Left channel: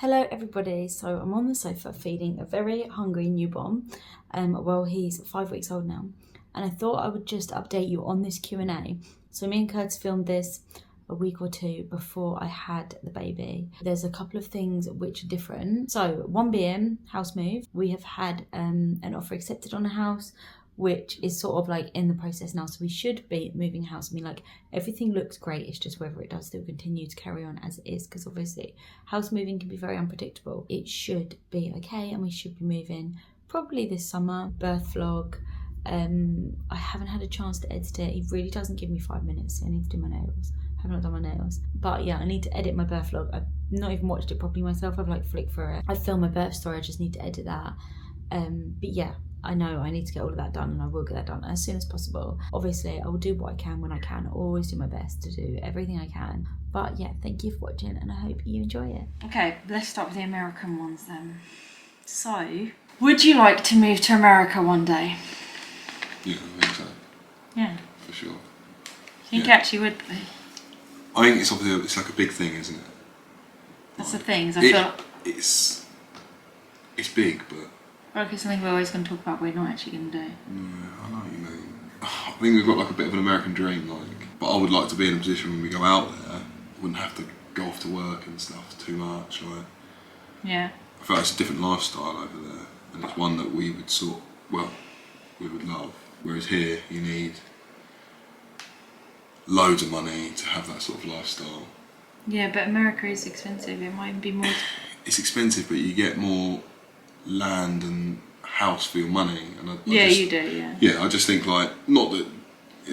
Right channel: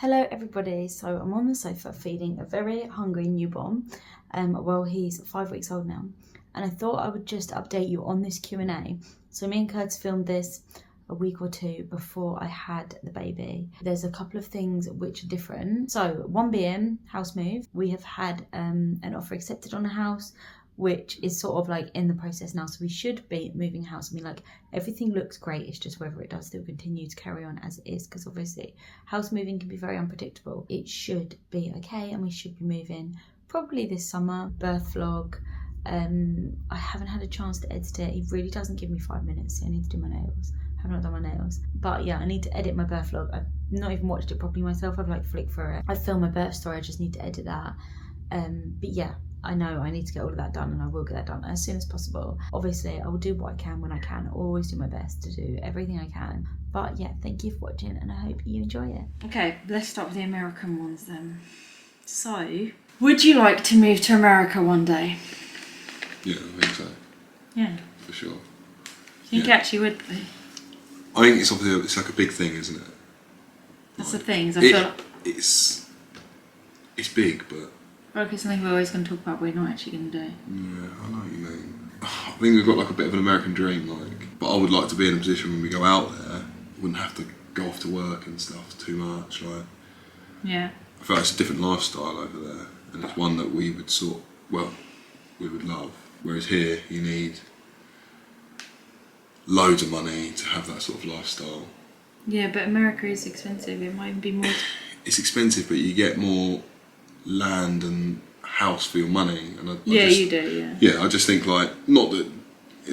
Hello everybody, so I'm on the sofa feeding a very hungry newborn. Well, he's 5 weeks old now, and I thought I would just update you on this Q&A. So me and Curtis filmed this a week or two before I had the baby. There's a couple of things which are different. So one being house move. We have had an offer accepted on a house, which is sort of like in the process now. So we should be moving house. I mean, like, everything looks great. It's just whether it does still continue to carry on as it is, because obviously house moving can be very unpredictable. It should be okay, and we should be moving probably this summer. Birth vlog. I haven't had a chance to edit it. He really doesn't give me 5 minutes. I need to do my nails. I have not done my nails. But yeah, I need to edit my birth vlog. I've not even watched it properly myself. I've like flicked through it. I filmed my birth story. I just need to edit that. But yeah, I know I need to get all of that done, and I will get that done as soon as possible. Obviously, I will do what I can when I can. I always do my best to do everything I can. But yeah, thank you for watching, and I hope you enjoy it. Okay, let's start with the American ones then. So, would you like to move to America one day? Yeah, I think so. Yeah. For sure. I think it actually would be. I think it's obviously it's like a big thing, isn't it? That's the thing. I feel it's big, but. Well, it's something we're always going to talk about. We're not actually going to do. Yeah, I know what you mean. I think we've got like a bit of an American dream, like. But I would like to be in a position when we go out there, wouldn't have to go off to work and stuff too much, like. Yeah. I feel like it's a different lifestyle over there, and it's one that we would we would love. Whereas here, you need loads of money to have that sort of lifestyle. Yeah, but America is expensive. It might be more. It's expensive, but you get more land and house for your money. And you do, yeah. Yeah, I just think like, not that,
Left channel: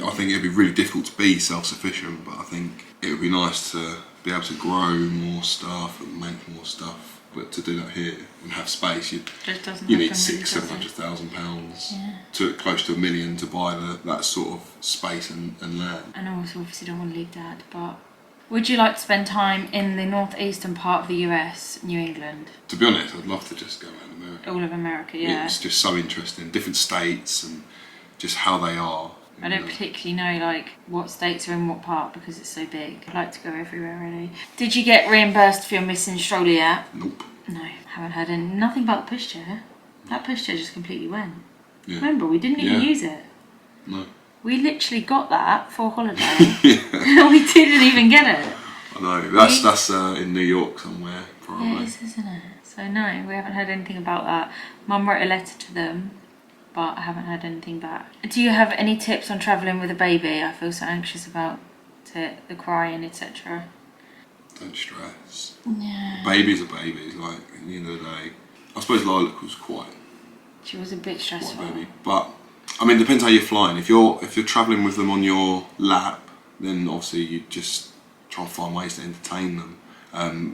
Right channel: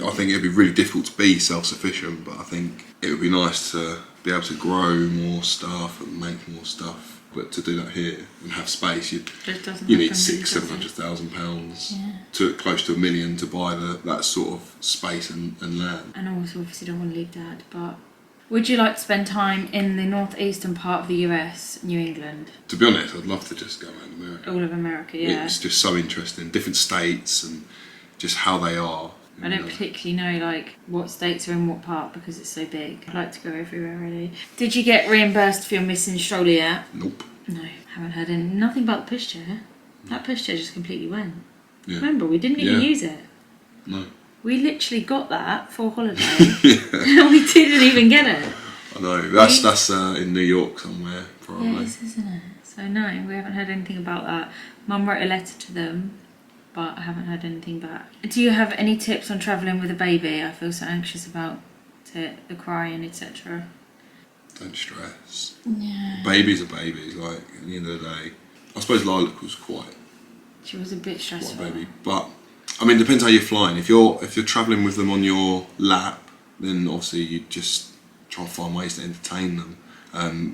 I think it'd be really difficult to be self-sufficient, but I think it would be nice to be able to grow more stuff and make more stuff. But to do that here and have space, you need £600,000-700,000 to close to $1 million to buy that sort of space and land. And also, obviously, don't want to leave Dad. But would you like to spend time in the northeastern part of the US, New England? To be honest, I'd love to just go around America. All of America, yeah. It's just so interesting, different states and just how they are. I don't particularly know like what states are in what part because it's so big. I'd like to go everywhere really. Did you get reimbursed for your missing stroller yet? Nope. No, haven't heard nothing about the pushchair. That pushchair just completely went. Yeah. Remember, we didn't even use it. No. We literally got that for holiday and we didn't even get it. I know, that's in New York somewhere probably. Yeah, it is, isn't it? So no, we haven't heard anything about that. Mum wrote a letter to them, but I haven't heard anything back. Do you have any tips on travelling with a baby? I feel so anxious about it, the crying, etc. Don't stress. Yeah. Babies are babies, like, at the end of the day. I suppose Lilac was She was a bit stressful. Quite a baby. But, I mean, it depends how you're flying. If you're travelling with them on your lap, then obviously you just try and find ways to entertain them.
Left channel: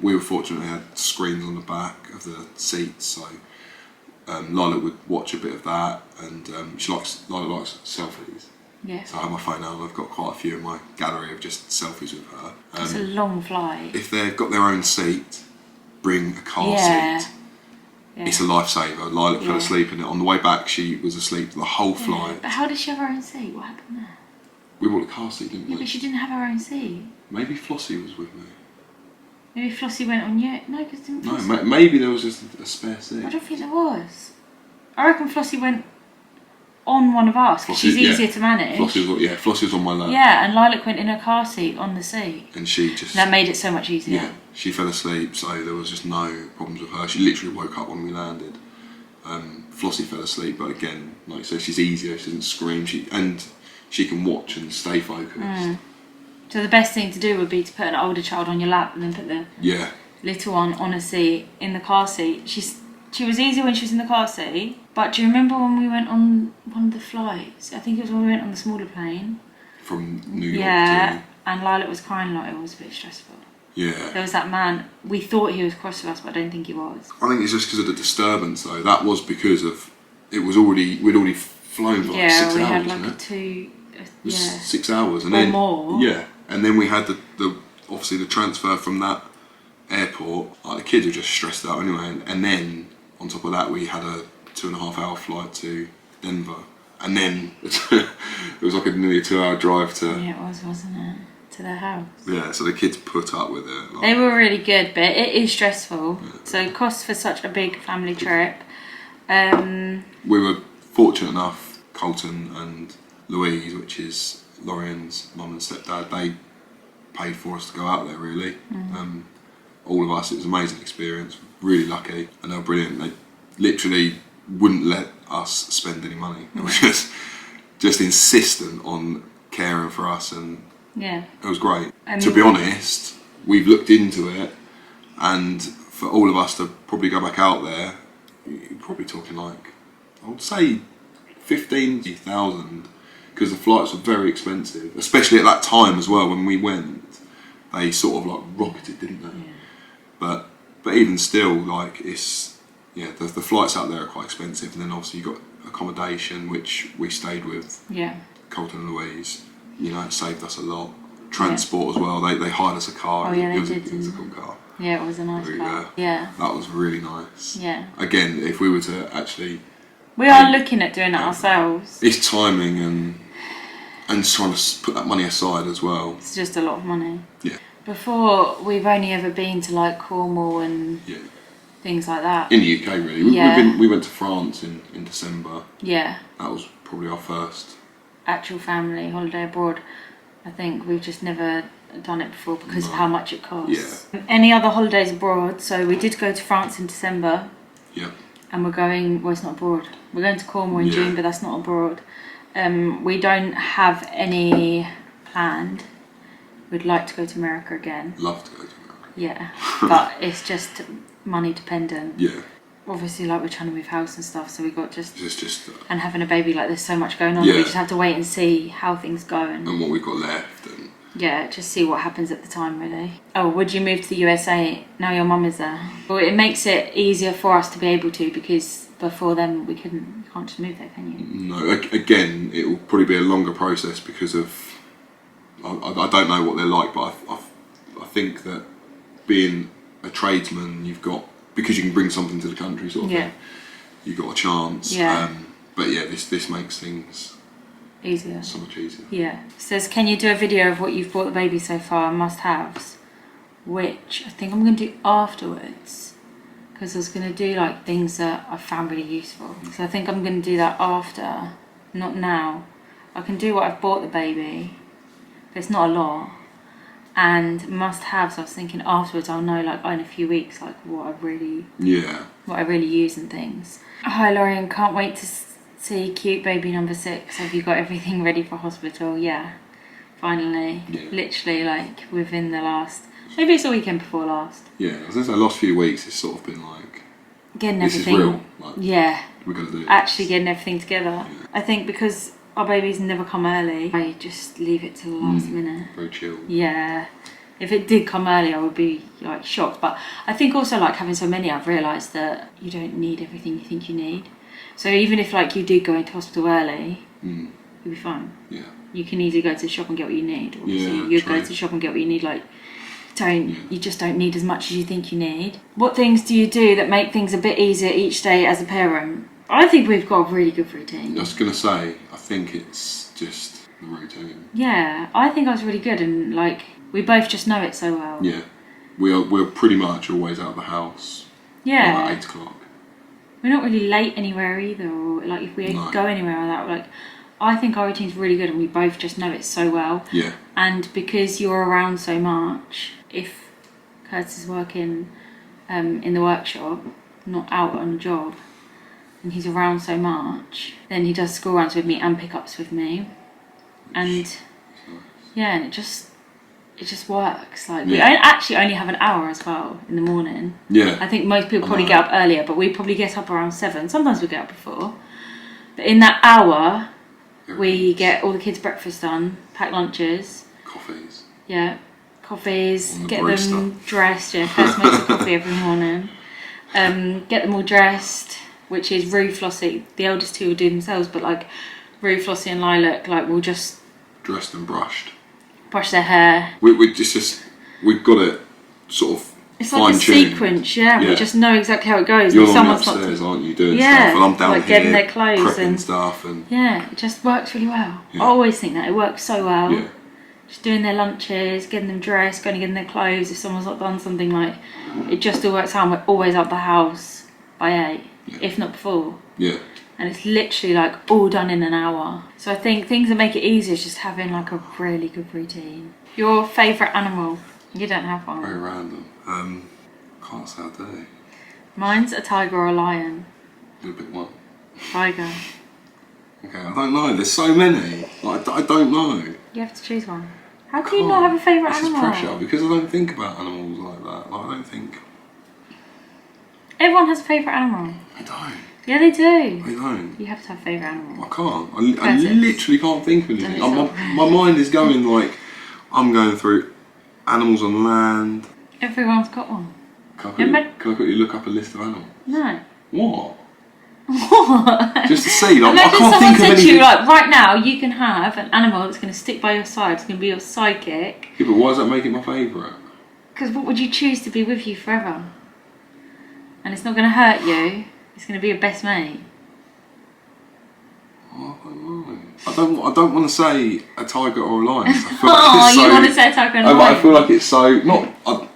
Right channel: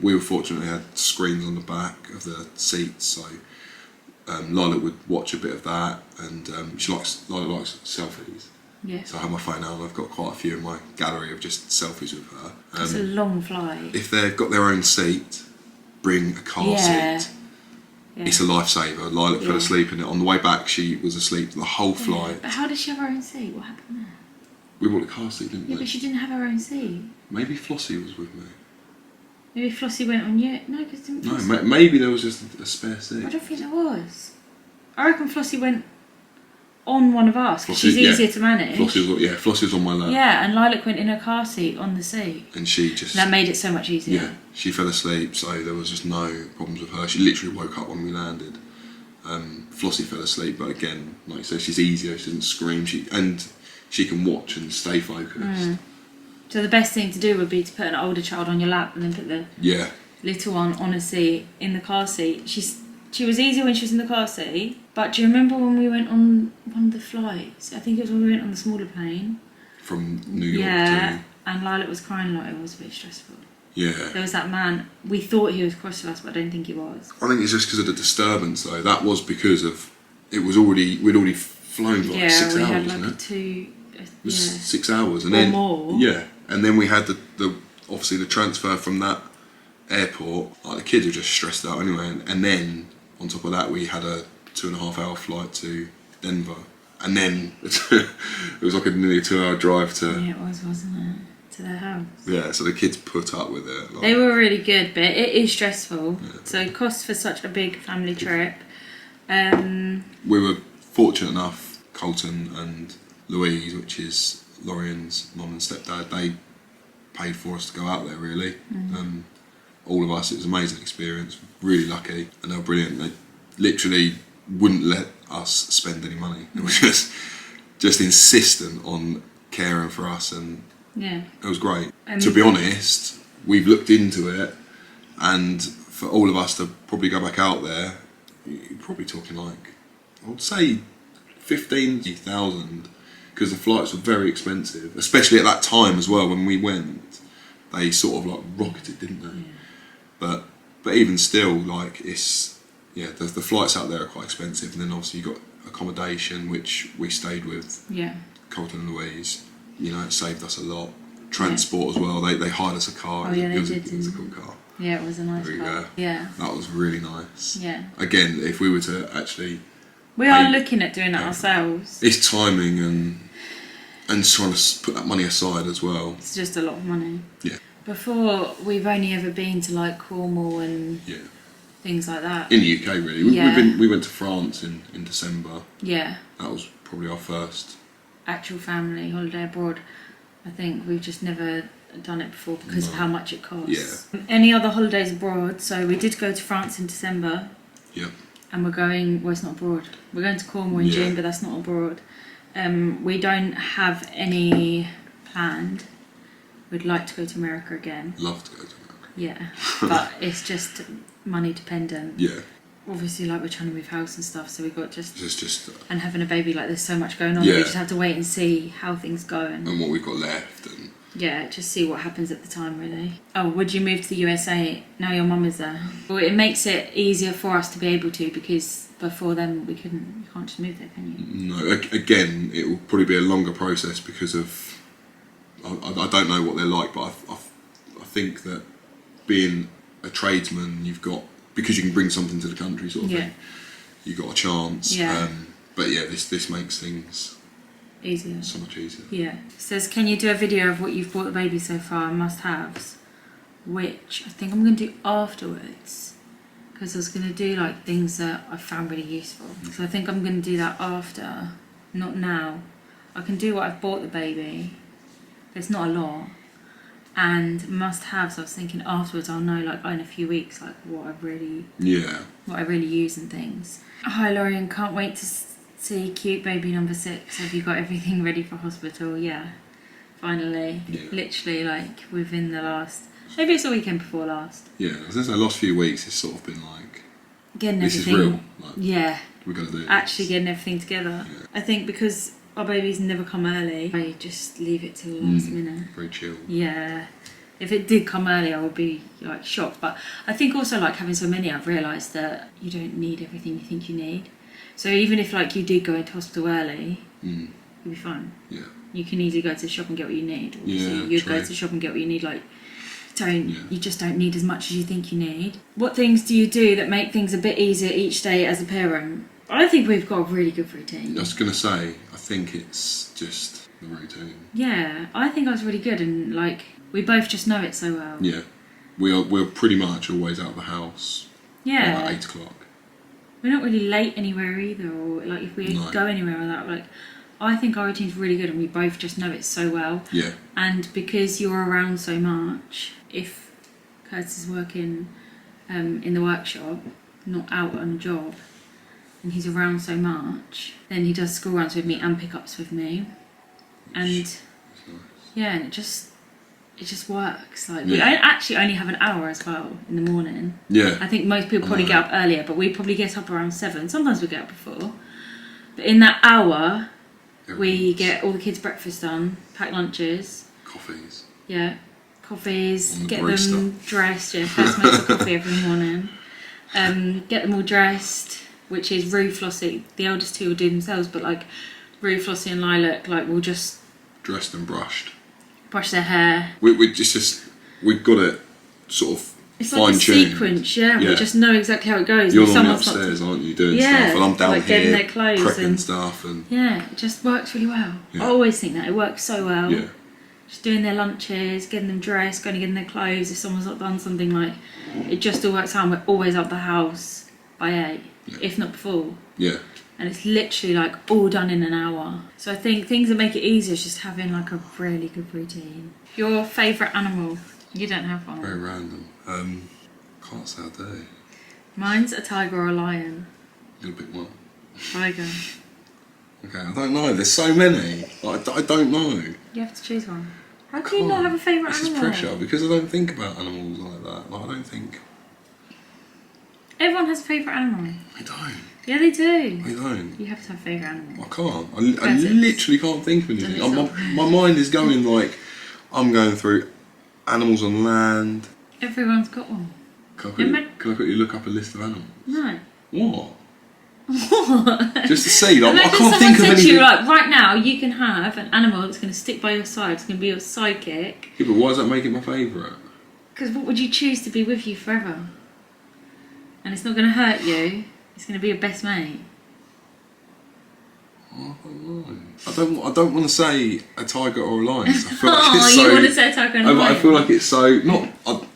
We were fortunate we had screens on the back of the seats, so Lilac would watch a bit of that, and Lilac likes selfies. Yeah. So I have my phone out and I've got quite a few in my gallery of just selfies with her. It's a long flight. If they've got their own seat, bring a car seat. Yeah. It's a lifesaver. Lilac fell asleep in it. On the way back, she was asleep the whole flight. But how did she have her own seat? What happened there? We bought a car seat, didn't we? Yeah, but she didn't have her own seat. Maybe Flossie was with me. Maybe Flossie went on you. No, because didn't Flossie... No, maybe there was just a spare seat. I don't think there was. I reckon Flossie went on one of us because she's easier to manage. Flossie was on my lap. Yeah, and Lilac went in her car seat on the seat. And she just... That made it so much easier. Yeah, she fell asleep, so there was just no problems with her. She literally woke up when we landed. Flossie fell asleep, but again, like you said, she's easier, she doesn't scream, she can watch and stay focused. So the best thing to do would be to put an older child on your lap and then put the little one on a seat in the car seat. She was easy when she was in the car seat, but do you remember when we went on one of the flights? I think it was when we went on the smaller plane. From New York to... and Lilac was crying a lot. It was a bit stressful. Yeah. There was that man, we thought he was cross with us, but I don't think he was. I think it's just because of the disturbance though. That was because of, we'd already flown for like 6 hours, we had like wasn't it? 6 hours. And or then, more. Yeah, and then we had the obviously the transfer from that airport. Like the kids were just stressed out anyway, and then on top of that we had a 2.5 hour flight to Denver, and then it was like nearly a 2 hour drive to... Yeah, it was, wasn't it? to their house. Yeah, so the kids put up with it. Like, they were really good, but it is stressful. Yeah. So costs for such a big family trip. We were fortunate enough, Colton and Louise, which is Lorian's mum and stepdad, they paid for us to go out there, really. All of us, it was an amazing experience, really lucky, and they were brilliant. They literally wouldn't let us spend any money. They were just insistent on caring for us, and it was great. To be honest, we've looked into it, and for all of us to probably go back out there, you're probably talking like, I would say 15,000, because the flights were very expensive, especially at that time as well. When we went, they sort of like rocketed, didn't they? Yeah. But even still, like, it's, the flights out there are quite expensive, and then obviously you got accommodation, which we stayed with Colton and Louise. You know, it saved us a lot. Transport as well. They hired us a car. It was a cool car. Yeah, it was a nice car. Yeah. That was really nice. Yeah. Again, if we were to actually... We are looking at doing it ourselves. It's timing and trying to put that money aside as well. It's just a lot of money. Yeah. Before, we've only ever been to like Cornwall and things like that. In the UK, really. We went to France in December. Yeah. That was probably our first actual family holiday abroad. I think we've just never done it before because of how much it costs. Yeah. Any other holidays abroad? So we did go to France in December. Yeah. And we're going, well, it's not abroad. We're going to Cornwall in June, but that's not abroad. We don't have any planned. We'd like to go to America again. Love to go to America. Yeah, but it's just money dependent. Yeah. Obviously, like, we're trying to move house and stuff, so we got just and having a baby, like, there's so much going on. We just have to wait and see how things go and what we've got left. And just see what happens at the time, really. Oh, would you move to the USA now your mum is there? Well, it makes it easier for us to be able to, because before then you can't just move there, can you? No, again, it will probably be a longer process because of, I don't know what they're like, but I think that being a tradesman, you've got, because you can bring something to the country sort of thing, you've got a chance. Yeah. But yeah, this makes things easier. So much easier. Yeah. It says, can you do a video of what you've bought the baby so far, must-haves? Which I think I'm going to do afterwards, because I was going to do like things that I found really useful. So I think I'm going to do that after, not now. I can do what I've bought the baby, but it's not a lot. And must-haves, I was thinking afterwards I'll know, like, in a few weeks, like what I really use and things. Hi Lorian, can't wait to see cute baby number 6. Have you got everything ready for hospital? Yeah, finally. Yeah. Literally, like, within the last, maybe it's the weekend before last. Yeah, I was going to say, the last few weeks it's sort of been like, getting this everything. Is real. Like, we're going to do this. Actually getting everything together. Yeah. I think because our babies never come early, I just leave it till the last minute. Very chill. Yeah. If it did come early, I would be like shocked. But I think also, like, having so many, I've realised that you don't need everything you think you need. So even if, like, you did go into hospital early, you'll be fine. Yeah. You can easily go to the shop and get what you need. Obviously, you go to the shop and get what you need. Like, you just don't need as much as you think you need. What things do you do that make things a bit easier each day as a parent? I think we've got a really good routine. I was going to say, I think it's just the routine. Yeah, I think I was really good, and, like, we both just know it so well. Yeah. We're pretty much always out of the house. Yeah. About 8 o'clock. We're not really late anywhere either, or, like, if we go anywhere or that, like, I think our routine's really good and we both just know it so well. Yeah. And because you're around so much, if Curtis is working in the workshop, not out on a job, and he's around so much, then he does school runs with me and pickups with me. And yeah, and it just works. Like, we actually only have an hour as well in the morning. Yeah. I think most people probably get up earlier, but we probably get up around 7. Sometimes we get up before. But in that hour, we get all the kids' breakfast done, pack lunches. Coffees. Yeah, coffees, get them dressed. Yeah, Curtis makes a coffee every morning. Get them all dressed, which is Rue, Flossie. The eldest 2 will do themselves, but, like, Rue, Flossie and Lilac, like, will just... dressed and brushed. Brush their hair. We've got it sort of it's like a sequence, we just know exactly how it goes. You're normally upstairs, aren't you, doing stuff, and I'm down like here getting their clothes prepping and stuff, and it just works really well. I always think that it works so well. just doing their lunches, getting them dressed, going to get in their clothes. If someone's not done something, like, it just all works out. We're always out the house by 8, if not before. Yeah. And it's literally like all done in an hour. So I think things that make it easier is just having like a really good routine. Your favourite animal? You don't have one. Very random. Can't say I do. Mine's a tiger or a lion. You'll pick one. Tiger. Okay, I don't know. There's so many. Like, I don't know. You have to choose one. How can you not have a favourite This animal? is pressure because I don't think about animals like that. Like, I don't think. Everyone has a favourite animal. I don't. Yeah, they do. I don't. You have to have a favourite animal. I can't. I Pheasants. literally can't think of anything. My mind is going like, I'm going through animals on land. Everyone's got one. Can I quickly look up a list of animals? No. What? What? Just to see, like, I Imagine can't someone think of said anything. to you, like, right now, you can have an animal that's going to stick by your side. It's going to be your sidekick. Yeah, but why does that make it my favourite? Because what would you choose to be with you forever? And it's not going to hurt you. It's going to be your best mate. Oh, I don't know. I don't want to say a tiger or a lion. I feel Oh, like it's you so, want to say a tiger and a lion? I feel like it's so not,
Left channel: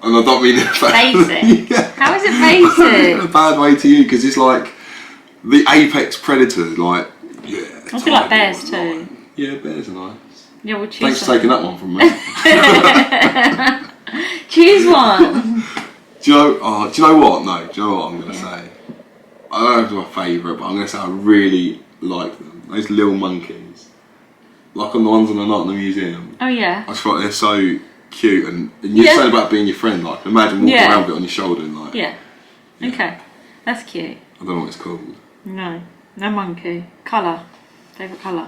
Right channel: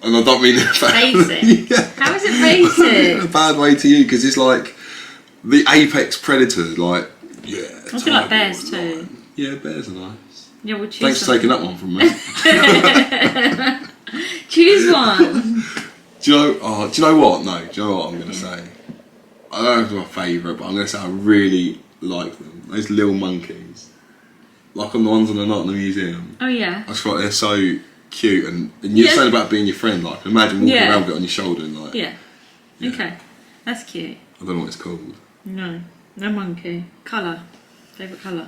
and I don't mean it Basic. yeah. How is it In a basic? bad way to you, because it's like the apex predator. Like, yeah. I feel like tiger bears or too. lion. Yeah, bears are nice. Yeah, we'll choose Thanks for taking that one from me. Choose one. Do you know what? No, do you know what I'm going to say? I don't know if it's my favourite, but I'm going to say I really like them. Those little monkeys. Like on the ones on the night in the museum. Oh, yeah. I just feel like they're so cute, and you're saying about being your friend, like, imagine walking around with it on your shoulder and like... Yeah. Okay. That's cute. I don't know what it's called. No. No monkey. Colour. Favourite colour?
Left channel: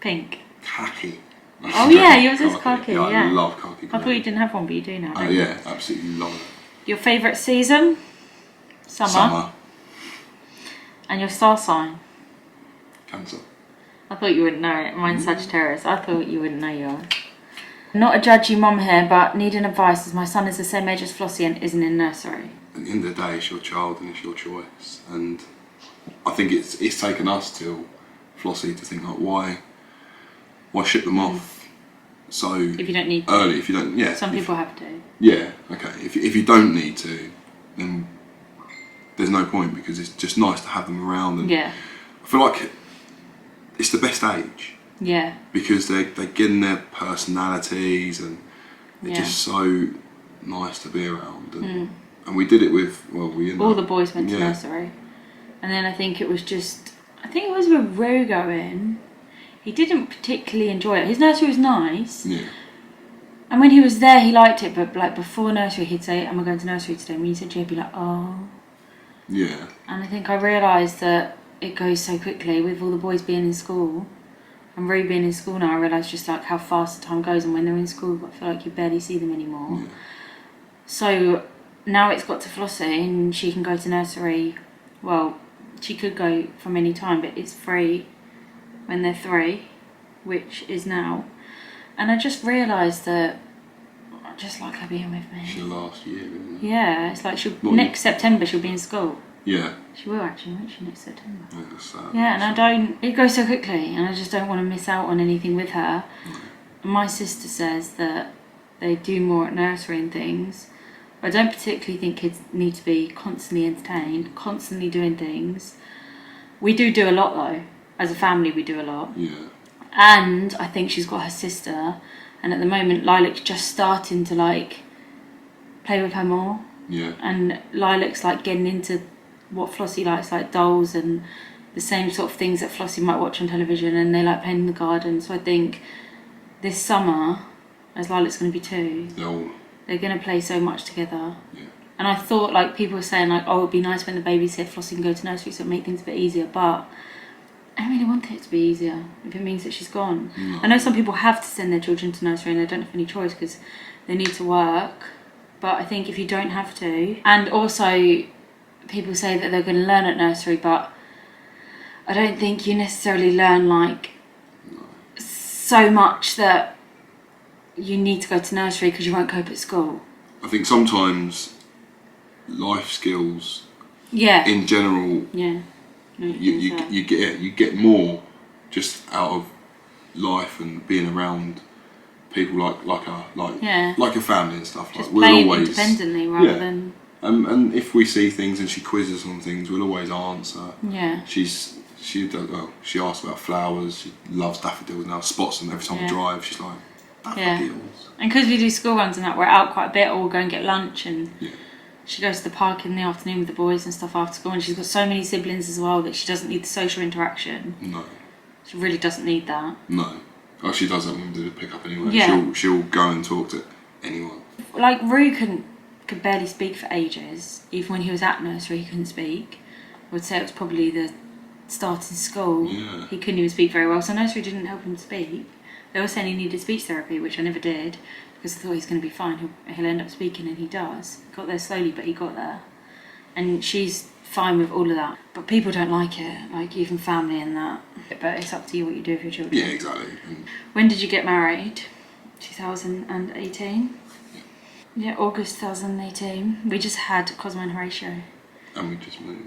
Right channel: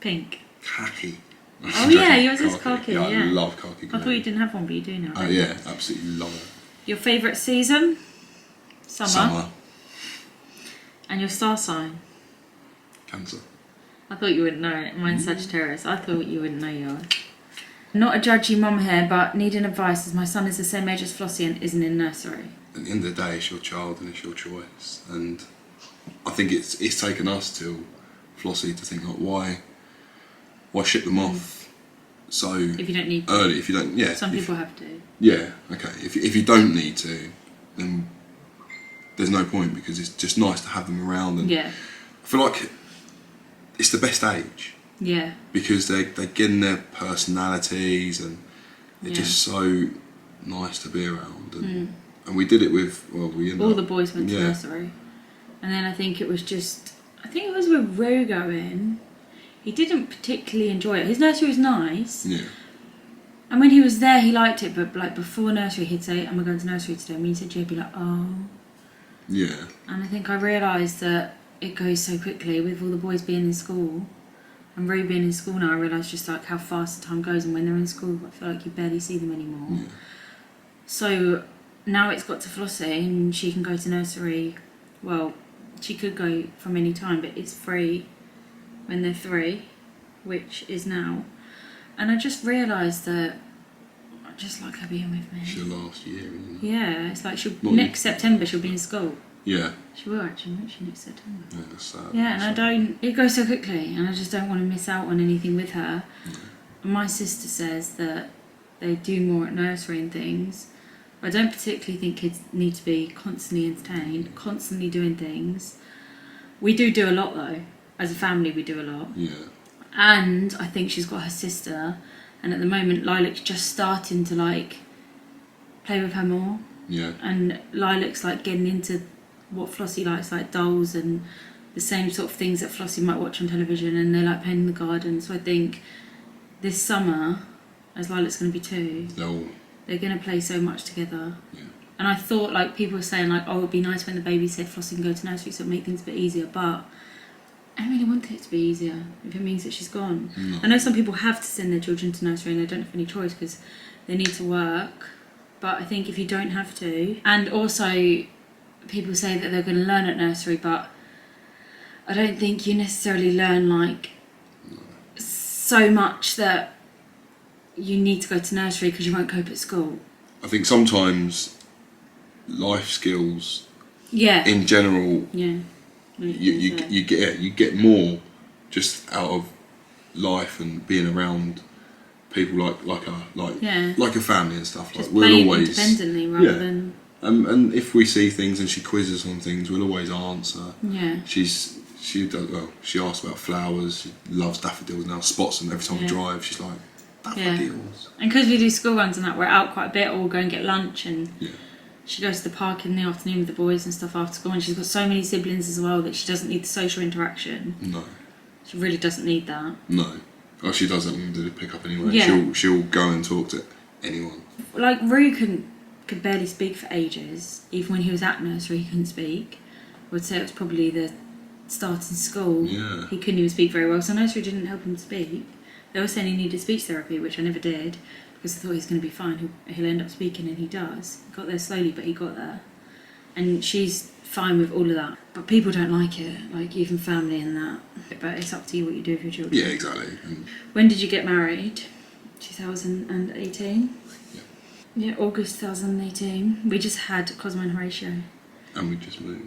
Pink. Khaki. Oh, yeah, yours is khaki, Yeah, yeah. I love khaki. I thought you didn't have one, but you do now. Oh, don't you? yeah, absolutely love it. Your favourite season? Summer. And your star sign? Cancer. I thought you wouldn't know it. Mine's Sagittarius. I thought you wouldn't know yours. Not a judgy mum here, but needing advice as my son is the same age as Flossie and isn't in nursery. At the end of the day, it's your child and it's your choice. And I think it's taken us till Flossie to think, like, why ship them off so If you don't need to. early? If you don't, yeah. Some people have to. Yeah, okay. If you don't need to, then there's no point, because it's just nice to have them around. And Yeah. I feel like it's the best age, Yeah. because they get in their personalities and they're just so nice to be around. And we did it with, we ended All up, the boys went to nursery. And then I think it was with Ro going. He didn't particularly enjoy it. His nursery was nice. Yeah. And when he was there, he liked it. But like before nursery, he'd say, "Am I going to nursery today?" And when he said, "He'd be like, oh." Yeah. And I think I realised that it goes so quickly with all the boys being in school. And Ro being in school now, I realise just like how fast the time goes. And when they're in school, I feel like you barely see them anymore. Yeah. So now it's got to Flossie and she can go to nursery. Well, she could go from any time, but it's free when they're 3, which is now. And I just realised that I just like her being with me. She'll last year, isn't it? Yeah, it's like next September she'll be in school. Yeah. She will actually, won't she, next September? Yeah, that's sad. Yeah, and it goes so quickly, and I just don't want to miss out on anything with her. My sister says that they do more at nursery and things. I don't particularly think kids need to be constantly entertained, constantly doing things. We do a lot though. As a family, we do a lot. Yeah. And I think she's got her sister, and at the moment Lilac's just starting to like play with her more. Yeah. And Lilac's like getting into what Flossie likes, like dolls and the same sort of things that Flossie might watch on television, and they like playing in the garden. So I think this summer, as Lilac's going to be 2, they're going to play so much together. Yeah. And I thought, like, people were saying, like, oh, it'd be nice when the baby's here, Flossie can go to nursery, so it'd make things a bit easier. But I don't really want it to be easier if it means that she's gone. No. I know some people have to send their children to nursery and they don't have any choice because they need to work. But I think if you don't have to, and also people say that they're going to learn at nursery, but I don't think you necessarily learn, like, so much that you need to go to nursery because you won't cope at school. I think sometimes life skills, Yeah. in general, Yeah. you get more just out of life and being around people like Yeah. a family and stuff. Just Like we'll playing always independently rather than. And if we see things and she quizzes on things, we'll always answer. Yeah. She does well. She asks about flowers. She loves daffodils now. Spots them every time we drive. She's like, daffodils. And because we do school runs and that, we're out quite a bit, or we'll go and get lunch, and Yeah. she goes to the park in the afternoon with the boys and stuff after school. And she's got so many siblings as well that she doesn't need the social interaction. No. She really doesn't need that. No. Oh, she doesn't want to do the pick up anyway. Yeah. She'll go and talk to anyone. Like Rue could barely speak for ages. Even when he was at nursery, he couldn't speak. I would say it was probably the start in school. Yeah. He couldn't even speak very well, so nursery didn't help him speak. They were saying he needed speech therapy, which I never did, because I thought he's going to be fine. He'll end up speaking, and he does. He got there slowly, but he got there. And she's fine with all of that. But people don't like it, like even family and that. But it's up to you what you do with your children. Yeah, exactly. When did you get married? 2018? Yeah, August 2018. We just had Cosmo and Horatio. And we just moved.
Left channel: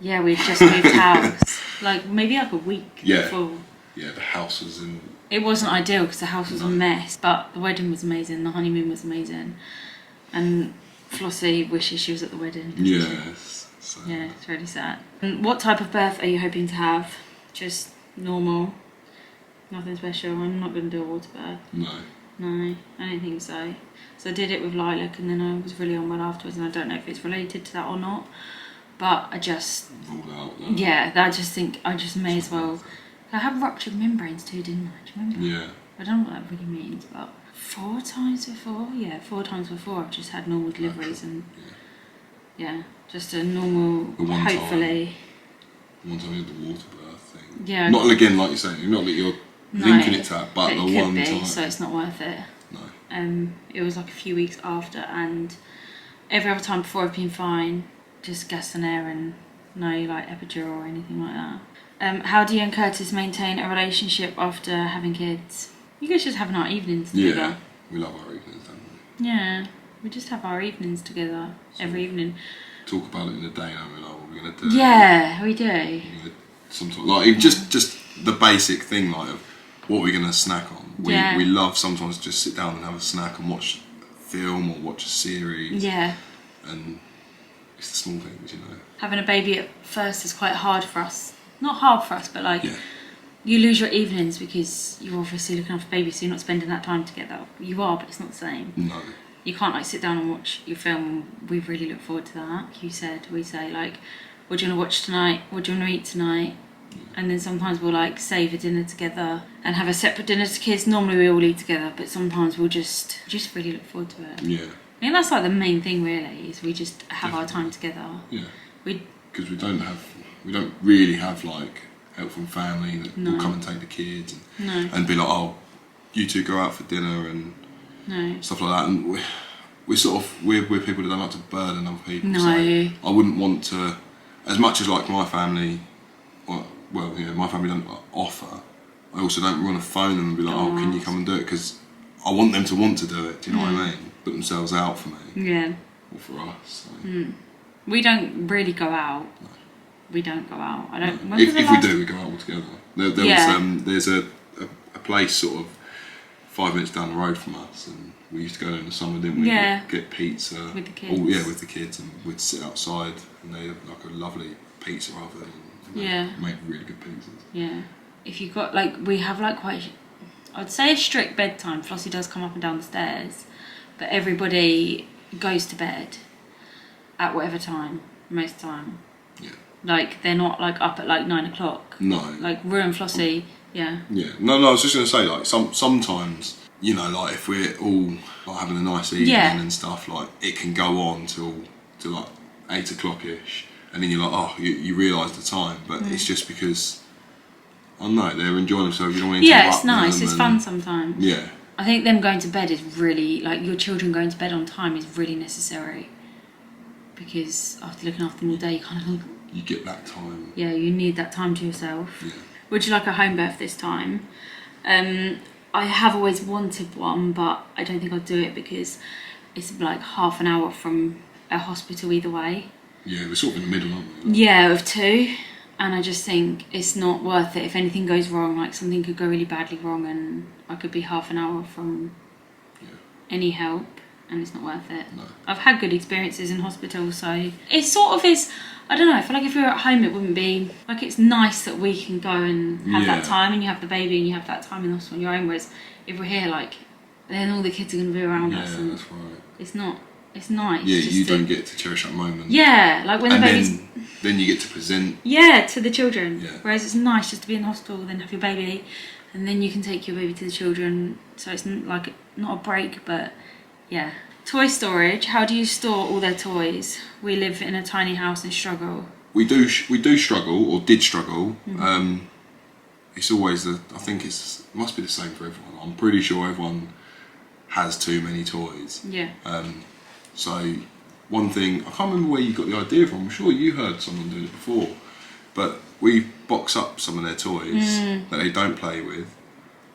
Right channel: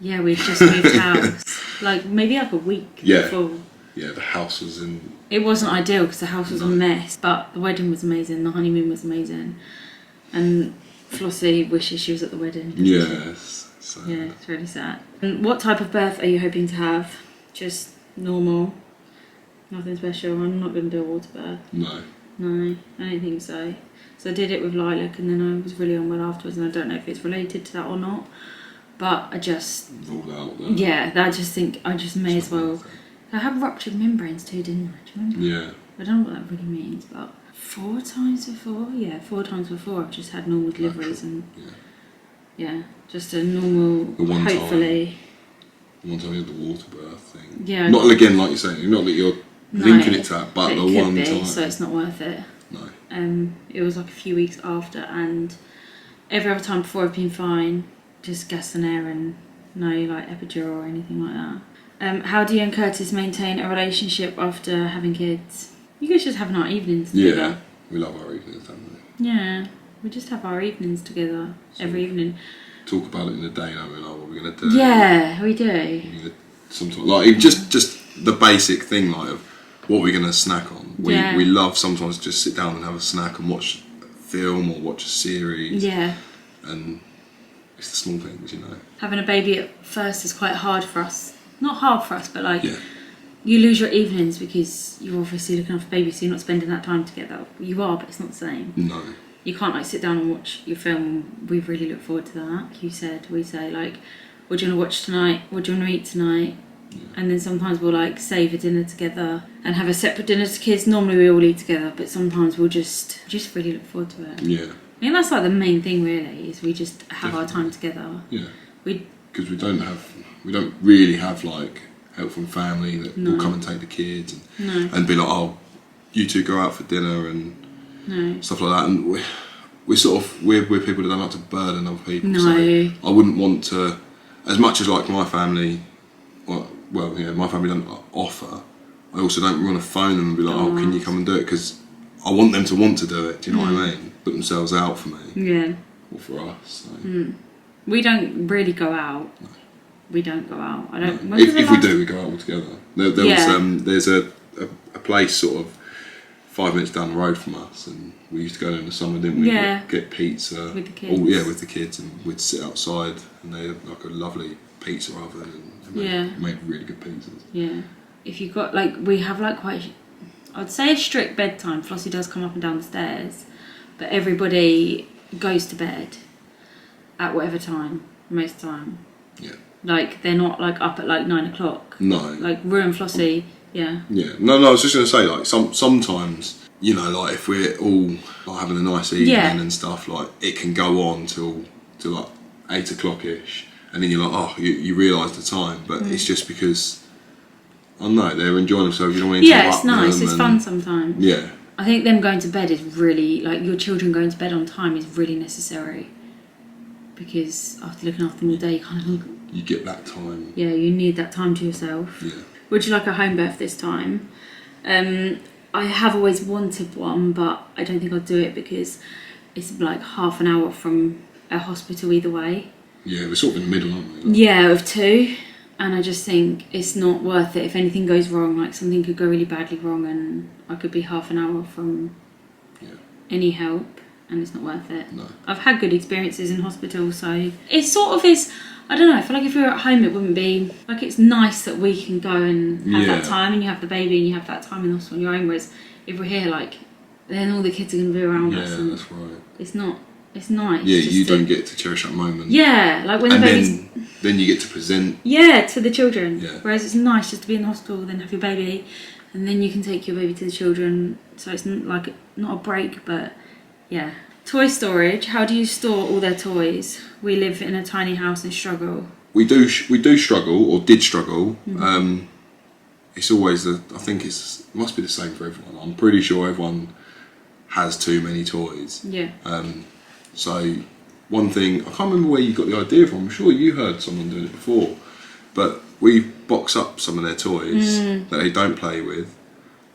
Yeah, we've just moved house. Like maybe like a week before. Yeah, the house was in. It wasn't ideal because the house was a mess, but the wedding was amazing. The honeymoon was amazing, and Flossie wishes she was at the wedding. Yes. So. Yeah, it's really sad. And what type of birth are you hoping to have? Just normal, nothing special. I'm not going to do a water birth. No, I don't think so. So I did it with Lilac, and then I was really unwell afterwards, and I don't know if it's related to that or not. But I just ruled out. Yeah, I just think I just may as well. I had ruptured membranes too, didn't I? Do you remember? Yeah. I don't know what that really means, but 4 times before? Yeah, 4 times before I've just had normal deliveries and just a normal, The one hopefully. The one time you had the water birth thing. Yeah. Not again, like you're saying, not that you're linking it to that, but the it one could be, time. so it's not worth it. No. It was like a few weeks after, and every other time before I've been fine, just gas and air and no like epidural or anything like that. How do you and Curtis maintain a relationship after having kids? You guys just have our evenings together. Yeah, we love our evenings, don't we? Yeah, we just have our evenings together every evening. Talk about it in the day, don't we? Like what we're gonna do. Yeah, we do. Sometimes, like just the basic thing, like of what we're gonna snack on. We love sometimes just sit down and have a snack and watch a film or watch a series. Yeah. And it's the small things, you know. Having a baby at first is quite hard for us. Not hard for us, but like Yeah. you lose your evenings because you're obviously looking after baby, so you're not spending that time together. You are, but it's not the same. No. You can't like sit down and watch your film. We really look forward to that. Like you said, we say like, what do you want to watch tonight? What do you want to eat tonight? Yeah. And then sometimes we'll like save a dinner together and have a separate dinner to kids. Normally we all eat together, but sometimes we'll just really look forward to it. Yeah. I think that's like the main thing really, is we just have our time together. Yeah. Because we don't really have like help from family that will come and take the kids and be like, oh, you two go out for dinner and stuff like that. And we're sort of we're people that don't like to burden other people. No. So I wouldn't want to, as much as like my family, my family don't offer. I also don't want to phone them and be like, oh, can you come and do it? Because I want them to want to do it. Do you know what I mean? Put themselves out for me. Yeah. Or for us. So. We don't really go out. No. We don't go out. I don't. No. If we do, we go out all together. There's a place sort of 5 minutes down the road from us, and we used to go there in the summer, didn't we? Yeah. Get pizza. With the kids. With the kids, and we'd sit outside, and they had like a lovely pizza oven, and they made really good pizzas. Yeah. If you got we have like quite, I'd say a strict bedtime. Flossie does come up and down the stairs, but everybody goes to bed at whatever time, most of the time. Yeah. Like, they're not like up at like 9 o'clock. No. Like Rue and Flossie, yeah. Yeah. No, I was just going to say, like, sometimes, you know, like if we're all like having a nice evening and stuff, like it can go on till like 8 o'clock-ish, and then you're like, oh, you realise the time, but it's just because, I don't know, they're enjoying themselves, you don't want to interrupt it's nice, them it's fun sometimes. Yeah. I think them going to bed is really, like your children going to bed on time is really necessary. Because after looking after them all day, you get that time. Yeah, you need that time to yourself. Yeah. Would you like a home birth this time? I have always wanted one, but I don't think I'll do it because it's like half an hour from a hospital either way. Yeah, we're sort of in the middle, aren't we? Yeah, of 2. And I just think it's not worth it. If anything goes wrong, like something could go really badly wrong and I could be half an hour from any help, and it's not worth it. No. I've had good experiences in hospital, so it sort of is. I don't know. I feel like if we were at home, it wouldn't be like, it's nice that we can go and have that time, and you have the baby and you have that time in the hospital on your own. Whereas if we're here, like, then all the kids are going to be around us. Yeah, and that's right. it's not. It's nice. Yeah, just you to, don't get to cherish that moment. Yeah, like when the baby's. Then you get to present. Yeah, to the children. Yeah. Whereas it's nice just to be in the hospital, then have your baby, and then you can take your baby to the children. So it's like not a break, but yeah. Toy storage. How do you store all their toys? We live in a tiny house and struggle. We do struggle, or did struggle. Mm-hmm. It's always it must be the same for everyone. I'm pretty sure everyone has too many toys. Yeah. So one thing, I can't remember where you got the idea from. I'm sure you heard someone doing it before, but we box up some of their toys that they don't play with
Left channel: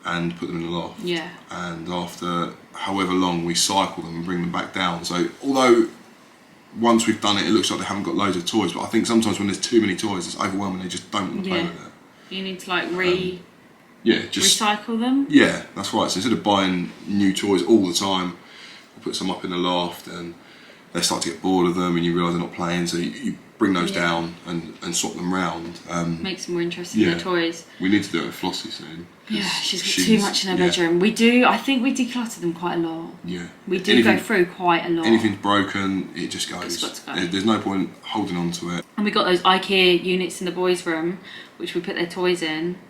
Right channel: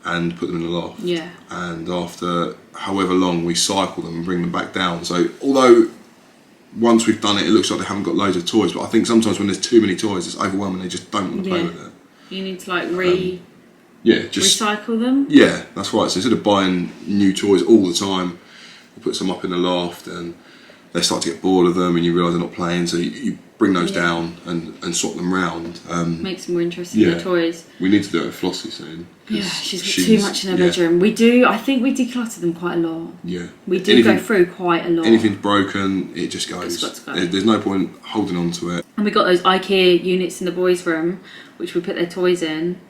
and put them in the loft. Yeah. And after however long, we cycle them and bring them back down. So although once we've done it, it looks like they haven't got loads of toys, but I think sometimes when there's too many toys, it's overwhelming. They just don't want to play with it. You need to like recycle them. Yeah, that's right. So instead of buying new toys all the time, we put some up in the loft, and they start to get bored of them, and you realise they're not playing. So you bring those down and swap them round. Makes them more interesting. The toys. We need to do it with Flossie soon. Yeah, she's got too much in her bedroom. We do. I think we declutter them quite a lot. Yeah, we do go through quite a lot. Anything's broken, it just goes. It's got to go. There's no point holding on to it. And we got those IKEA units in the boys' room, which we put their toys in,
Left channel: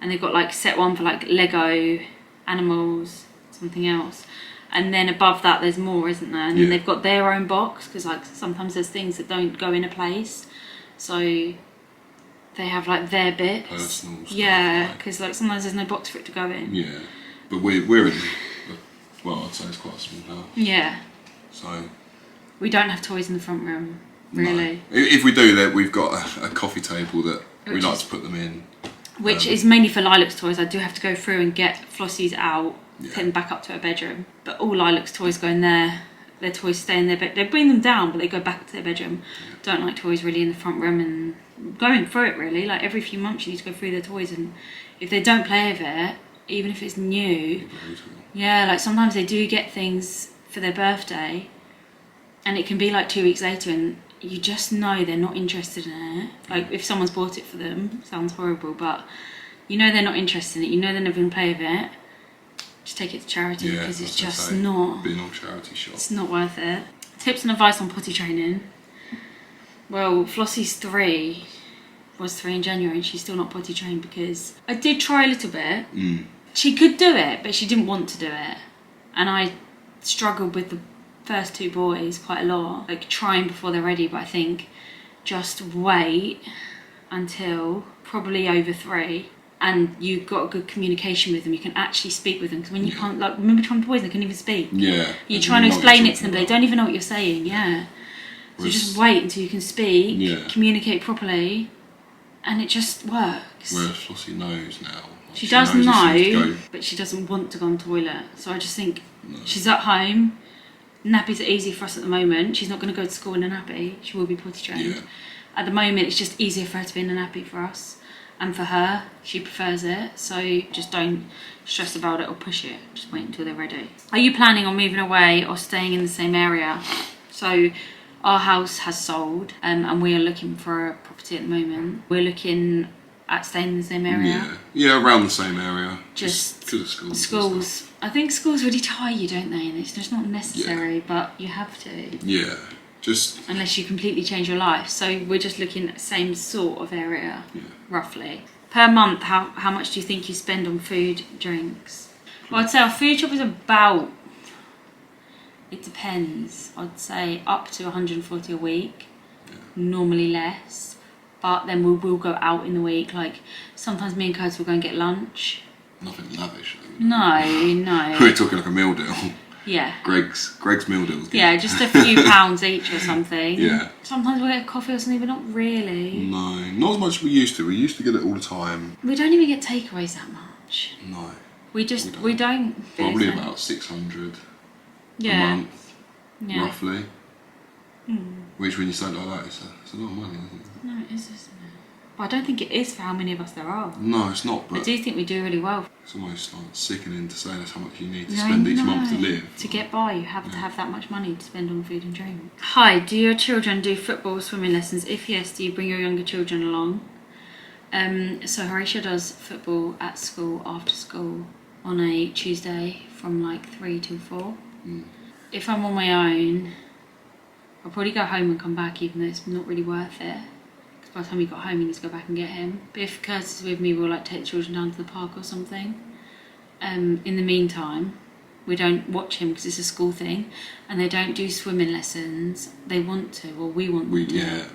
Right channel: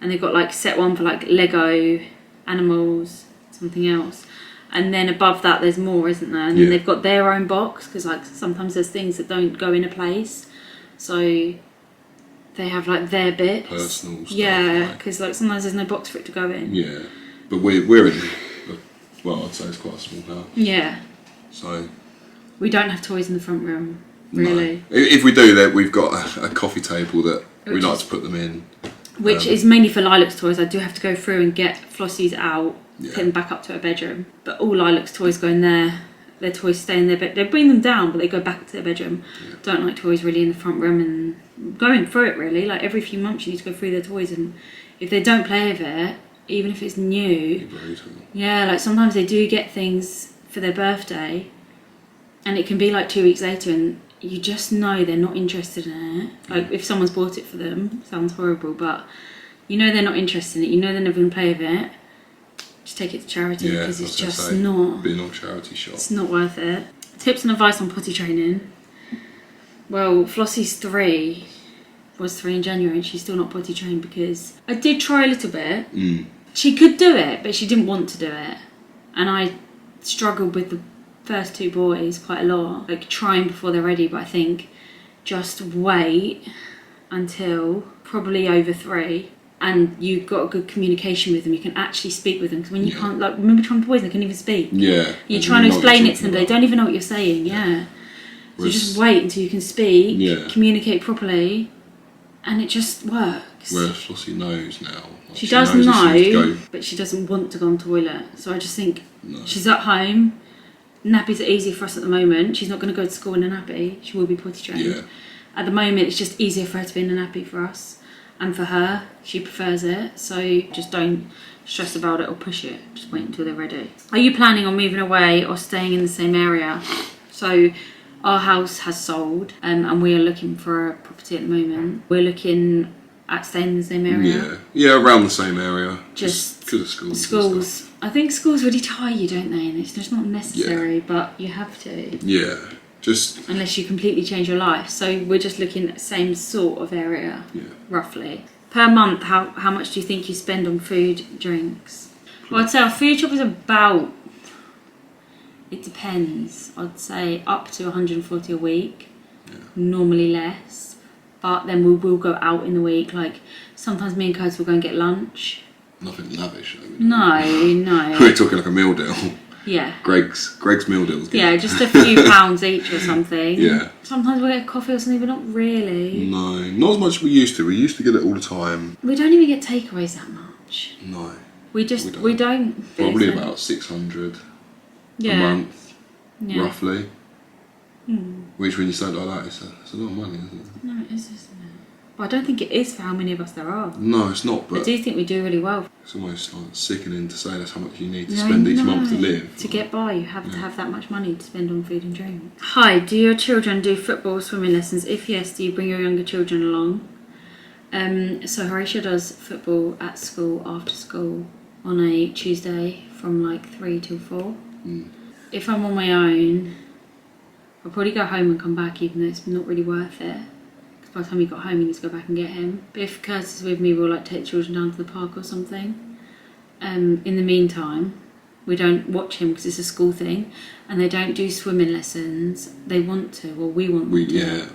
and they've got like set one for like Lego, animals, something else, and then above that there's more, isn't there? And then they've got their own box, because like sometimes there's things that don't go in a place, so they have like their bits. Personal stuff. Yeah, because like sometimes there's no box for it to go in. Yeah, but we're in. Well, I'd say it's quite a small house. Yeah. So. We don't have toys in the front room, really. No. If we do, that we've got a coffee table that we like to put them in. Which is mainly for Lilac's toys. I do have to go through and get Flossie's out, put them back up to her bedroom. But all Lilac's toys go in there. Their toys stay in their bed. They bring them down, but they go back to their bedroom. Yeah. Don't like toys really in the front room, and going through it really. Like every few months you need to go through their toys, and if they don't play with it, even if it's new, yeah, like sometimes they do get things for their birthday, and it can be like 2 weeks later, and you just know they're not interested in it. Like if someone's bought it for them, sounds horrible, but you know they're not interested in it. You know they're never going to play with it. Just take it to charity, because it's just not. Being on charity shop. It's not worth it. Tips and advice on potty training. Well, Flossie's 3. Was 3 in January, and she's still not potty trained because I did try a little bit. She could do it, but she didn't want to do it, and I struggled with the first 2 boys quite a lot, like trying before they're ready. But I think just wait until probably over 3, and you've got a good communication with them. You can actually speak with them, because when you can't, like, remember trying boys, they couldn't even speak. Yeah, you're trying to explain it to them, but they don't even know what you're saying. Yeah, so you just wait until you can speak, communicate properly, and it just works. Whereas Flossie knows now. Like she does know, but she doesn't want to go on the toilet. So I just think she's at home. Nappies are easy for us at the moment. She's not going to go to school in a nappy. She will be potty trained. Yeah. At the moment, it's just easier for her to be in a nappy for us. And for her, she prefers it. So just don't stress about it or push it. Just wait until they're ready. Are you planning on moving away or staying in the same area? So our house has sold, and we are looking for a property at the moment. We're looking at staying in the same area. Yeah, around the same area. Just because of schools. Schools. I think schools really tie you, don't they? And it's just not necessary, but you have to. Yeah, just unless you completely change your life. So we're just looking at the same sort of area, roughly. Per month, how much do you think you spend on food, drinks? Well, I'd say our food shop is about. It depends. I'd say up to 140 a week. Normally less, but then we will go out in the week. Like sometimes me and Curtis will go and get lunch. Nothing lavish though. No. We're talking like a meal deal. Yeah. Greg's meal deals. Yeah, just a few pounds each or something. Yeah. Sometimes we'll get coffee or something, but not really. No, not as much as we used to. We used to get it all the time. We don't even get takeaways that much. No. We don't. Probably about 600 a month, roughly. Which, when you say it like that, it's a lot of money, isn't it? No, it is, isn't it? But I don't think it is for how many of us there are. No, it's not, but I do think we do really well. it's almost like sickening to say that's how much you need to spend each month to live. To get by, you have to have that much money to spend on food and drink. Hi, do your children do football, swimming lessons? If yes, do you bring your younger children along? So Horatio does football at school, after school, on a Tuesday from like 3 till 4. If I'm on my own, I'll probably go home and come back, even though it's not really worth it. Because by the time he got home, he needs to go back and get him. But if Curtis is with me, we'll like take the children down to the park or something. In the meantime, we don't watch him because it's a school thing, and they don't do swimming lessons. They want to, or we want them to. Yeah.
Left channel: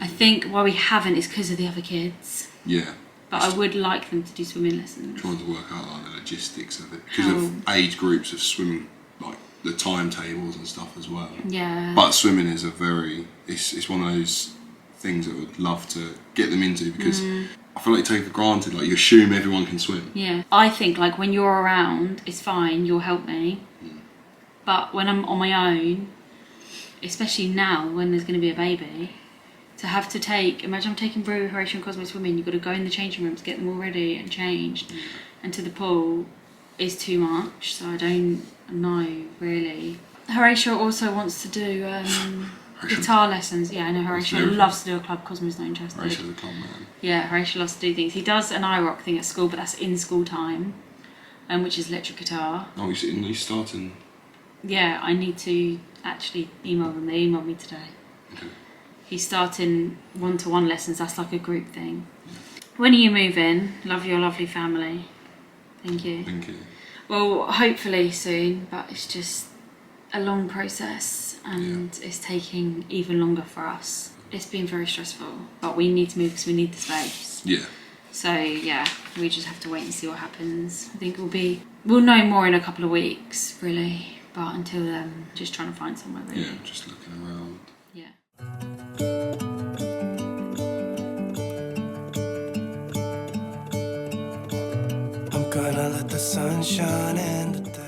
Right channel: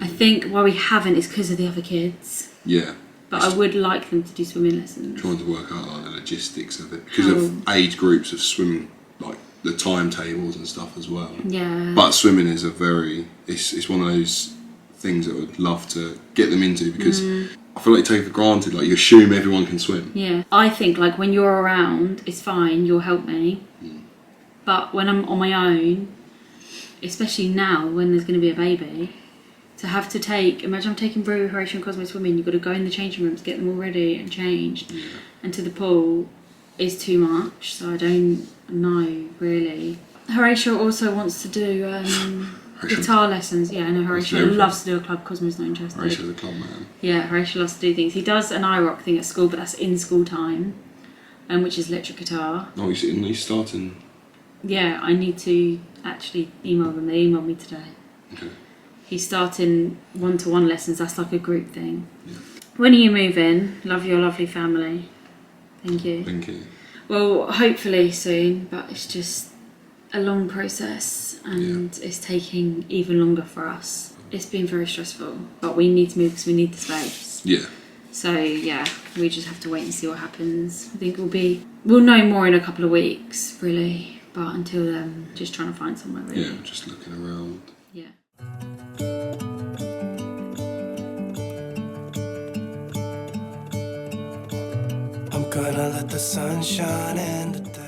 I think why we haven't is because of the other kids. Yeah. But I would like them to do swimming lessons. Trying to work out like the logistics of it because of age groups of swimming, like the timetables and stuff as well. Yeah. But swimming is it's one of those things that I would love to get them into because I feel like you take it for granted, like you assume everyone can swim. Yeah. I think like when you're around, it's fine, you'll help me. But when I'm on my own, especially now when there's going to be a baby, to have to imagine I'm taking Brew, Horatio and Cosmo swimming, you've got to go in the changing rooms, get them all ready and changed, and to the pool is too much, so I don't know really. Horatio also wants to do guitar lessons. Yeah, I know Horatio loves to do a club, Cosmo's not interested. Horatio's a club man. Yeah, Horatio loves to do things. He does an iRock thing at school, but that's in school time, which is electric guitar. Oh, he's starting... Yeah, I need to actually email them. They emailed me today. Okay. He's starting one-to-one lessons. That's like a group thing. Yeah. When are you moving? Love your lovely family. Thank you. Thank you. Well, hopefully soon, but it's just a long process and it's taking even longer for us. It's been very stressful, but we need to move because we need the space. Yeah. So yeah, we just have to wait and see what happens. I think we'll know more in a couple of weeks, really. But until then, just trying to find somewhere really. Yeah, just looking around. Yeah. I'm gonna let the sun shine in the day.